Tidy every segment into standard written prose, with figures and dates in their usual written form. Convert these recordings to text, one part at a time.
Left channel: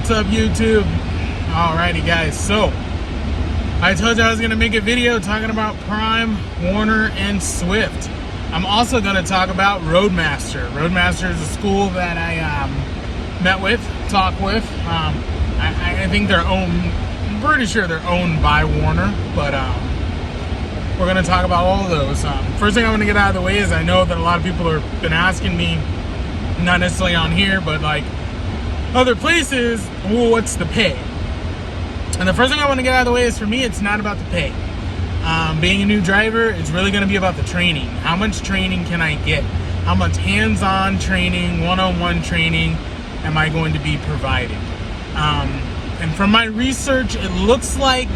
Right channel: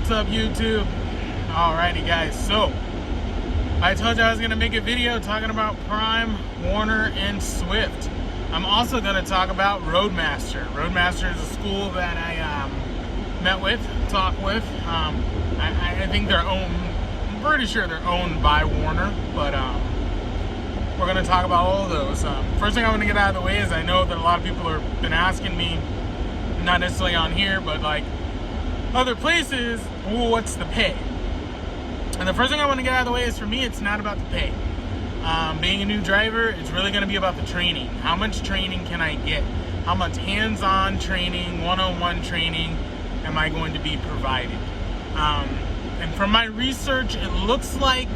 What's up, YouTube? Alrighty, guys, so I told you I was going to make a video talking about Prime, Werner, and Swift. I'm also going to talk about Roadmaster. Roadmaster is a school that I talked with. I think they're owned, I'm pretty sure they're owned by Werner, but we're going to talk about all of those. First thing I'm going to get out of the way is I know that a lot of people have been asking me, not necessarily on here, but like other places, well, what's the pay? And the first thing I want to get out of the way is, for me, it's not about the pay. Being a new driver, it's really going to be about the training. How much training can I get? How much hands-on training, one-on-one training am I going to be provided? And from my research, it looks like,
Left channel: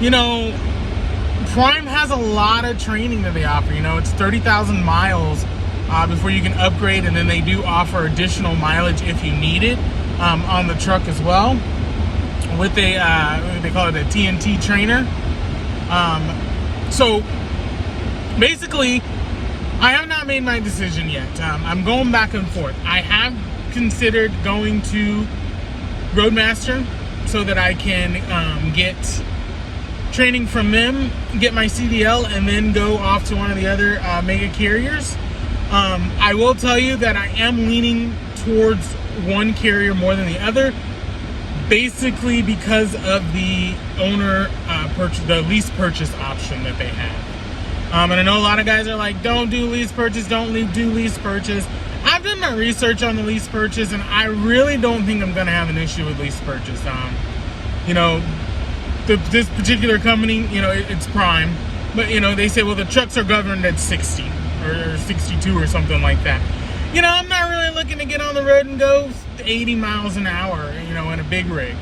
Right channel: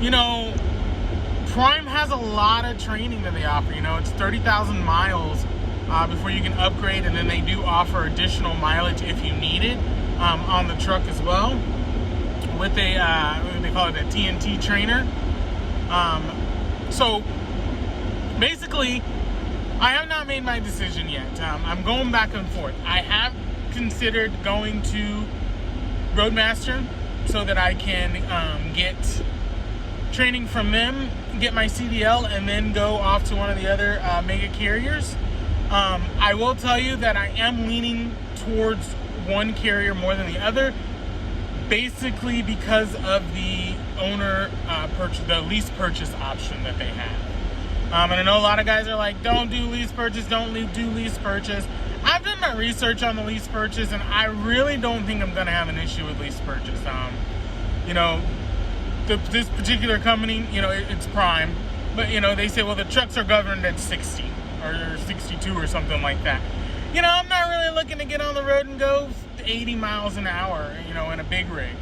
Prime has a lot of training that they offer. It's 30,000 miles before you can upgrade, and then they do offer additional mileage if you need it on the truck as well, with a they call it a TNT trainer. So basically, I have not made my decision yet. I'm going back and forth. I have considered going to Roadmaster so that I can get training from them, get my CDL, and then go off to one of the other mega carriers. I will tell you that I am leaning towards one carrier more than the other, basically because of the owner the lease purchase option that they have. And I know a lot of guys are like, don't do lease purchase, do lease purchase. I've done my research on the lease purchase, and I really don't think I'm going to have an issue with lease purchase. This particular company, it's Prime, but they say, well, the trucks are governed at 60 or 62 or something like that. I'm not really looking to get on the road and go 80 miles an hour, in a big rig.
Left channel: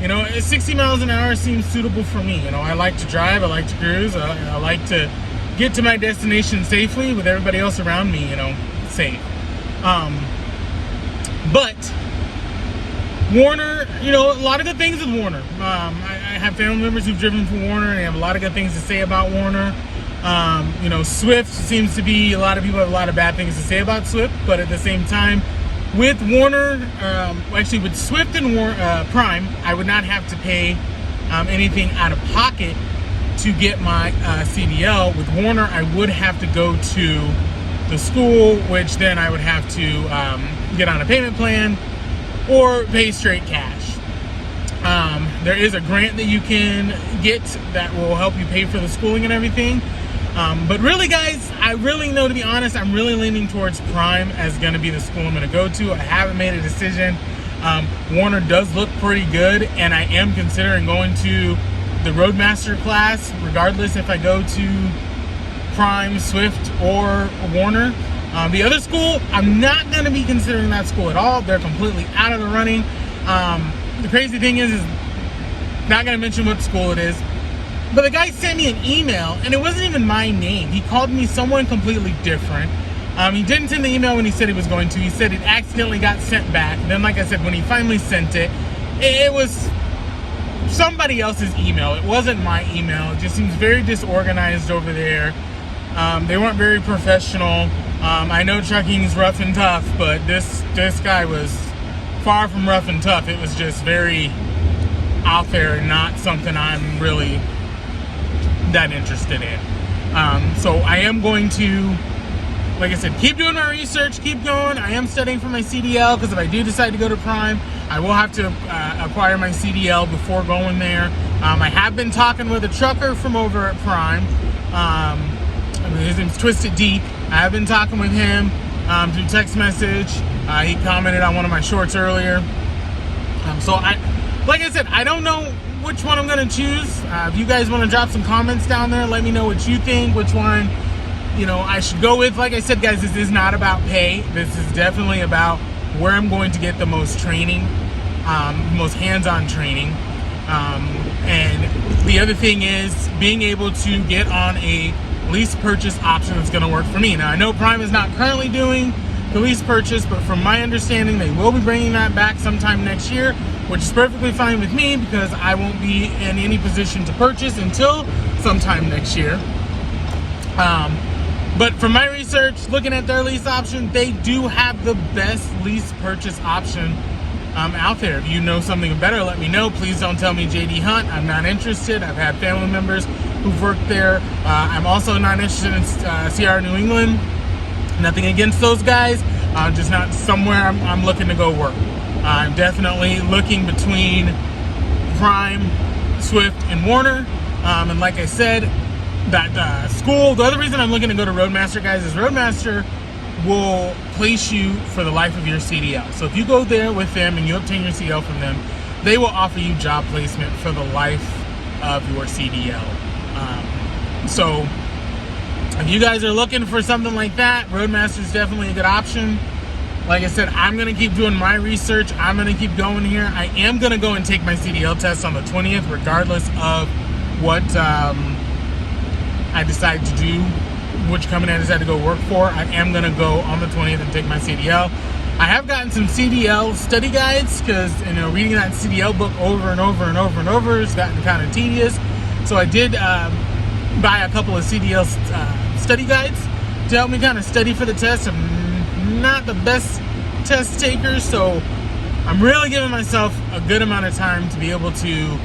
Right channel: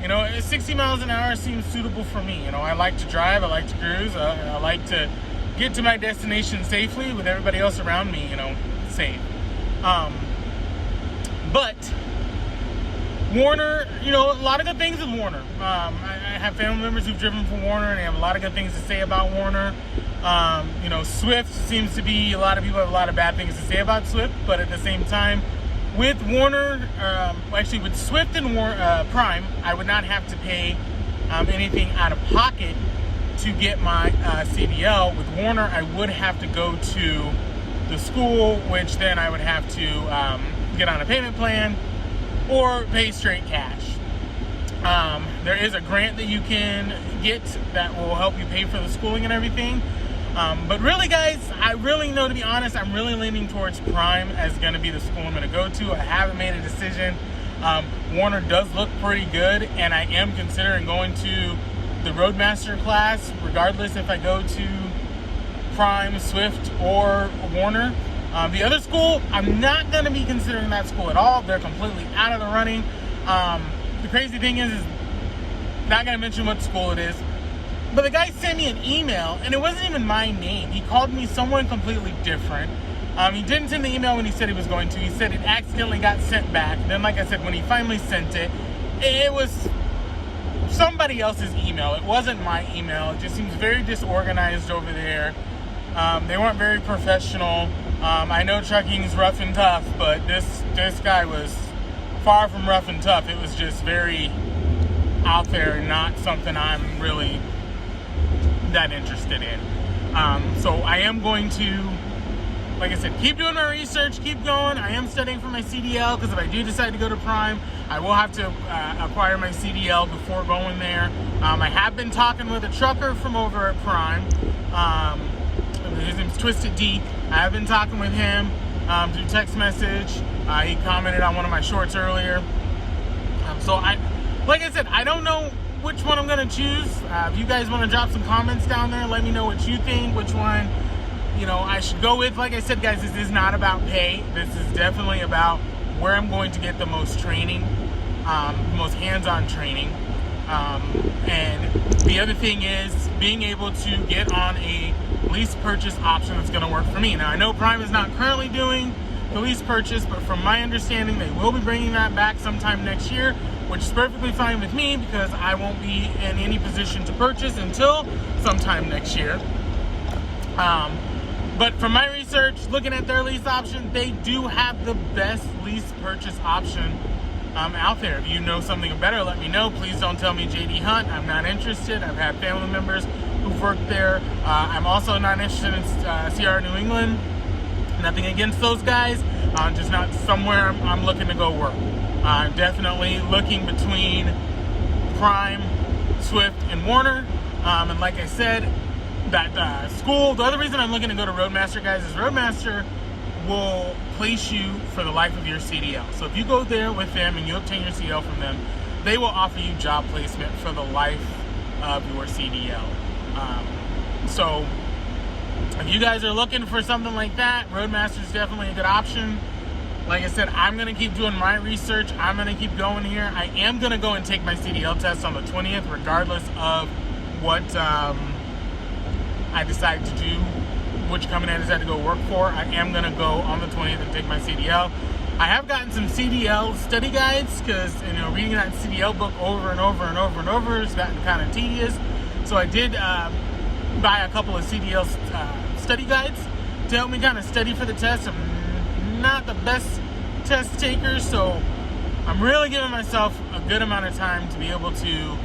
60 miles an hour seems suitable for me. I like to drive, I like to cruise, I like to get to my destination safely with everybody else around me, safe. But Werner, a lot of good things with Werner. I have family members who've driven for Werner, and they have a lot of good things to say about Werner. Swift seems to be, a lot of people have a lot of bad things to say about Swift, but at the same time, with Werner, actually with Swift and Prime, I would not have to pay anything out of pocket to get my CDL. With Werner, I would have to go to the school, which then I would have to get on a payment plan or pay straight cash. There is a grant that you can get that will help you pay for the schooling and everything. But really, guys, I really know, to be honest, I'm really leaning towards Prime as going to be the school I'm going to go to. I haven't made a decision. Werner does look pretty good, and I am considering going to the Roadmaster class, regardless if I go to Prime, Swift, or Werner. The other school, I'm not going to be considering that school at all. They're completely out of the running. The crazy thing is not going to mention what school it is, but the guy sent me an email, and it wasn't even my name. He called me someone completely different. He didn't send the email when he said he was going to. He said it accidentally got sent back. Then, like I said, when he finally sent it, it was somebody else's email. It wasn't my email. It just seems very disorganized over there. They weren't very professional. I know trucking is rough and tough, but this guy was far from rough and tough. It was just very out there and not something I'm really that interested in. So I am going to, like I said, keep doing my research, keep going. I am studying for my CDL, because if I do decide to go to Prime, I will have to acquire my CDL before going there. I have been talking with a trucker from over at Prime. His name's Twisted Deep. I have been talking with him through text message. He commented on one of my shorts earlier. Like I said, I don't know which one I'm going to choose. If you guys want to drop some comments down there, let me know what you think, which one I should go with. Like I said, guys, this is not about pay. This is definitely about where I'm going to get the most training, most hands-on training. And the other thing is being able to get on a lease purchase option that's going to work for me. Now, I know Prime is not currently doing the lease purchase, but from my understanding, they will be bringing that back sometime next year, which is perfectly fine with me, because I won't be in any position to purchase until sometime next year. But from my research, looking at their lease option, they do have the best lease purchase option out there. If you know something better, let me know. Please don't tell me JD Hunt. I'm not interested. I've had family members who've worked there. I'm also not interested in CR New England. Nothing against those guys. Just not somewhere I'm looking to go work. I'm definitely looking between Prime, Swift, and Werner. And like I said, that school, the other reason I'm looking to go to Roadmaster, guys, is Roadmaster will place you for the life of your CDL. So if you go there with them and you obtain your CDL from them, they will offer you job placement for the life of your CDL. So if you guys are looking for something like that, Roadmaster is definitely a good option. Like I said, I'm going to keep doing my research. I'm going to keep going here. I am going to go and take my CDL test on the 20th, regardless of what I decide to do, which company I decide to go work for. I am going to go on the 20th and take my CDL. I have gotten some CDL study guides because, reading that CDL book over and over and over and over has gotten kind of tedious. So I did buy a couple of CDL study guides to help me kind of study for the test. I'm not the best test taker, so I'm really giving myself a good amount of time to be able to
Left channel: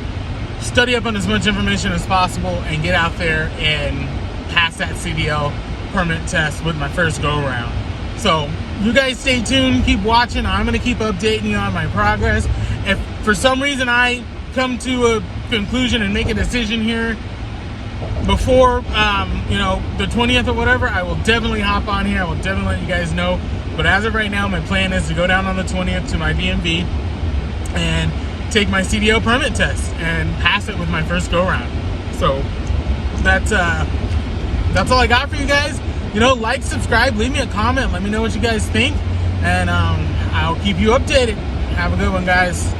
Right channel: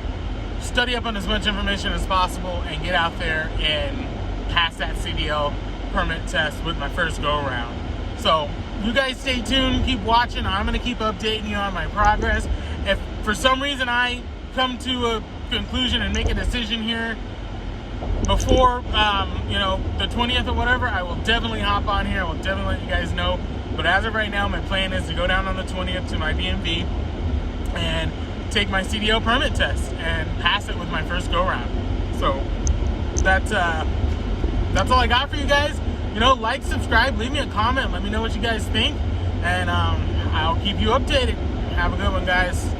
study up on as much information as possible and get out there and pass that CDL permit test with my first go around. So you guys stay tuned, keep watching. I'm going to keep updating you on my progress. If for some reason I come to a conclusion and make a decision here before the 20th or whatever, I will definitely hop on here. I will definitely let you guys know. But as of right now, my plan is to go down on the 20th to my DMV and take my CDL permit test and pass it with my first go round. So that's all I got for you guys. Like, subscribe, leave me a comment, let me know what you guys think, and I'll keep you updated. Have a good one, guys.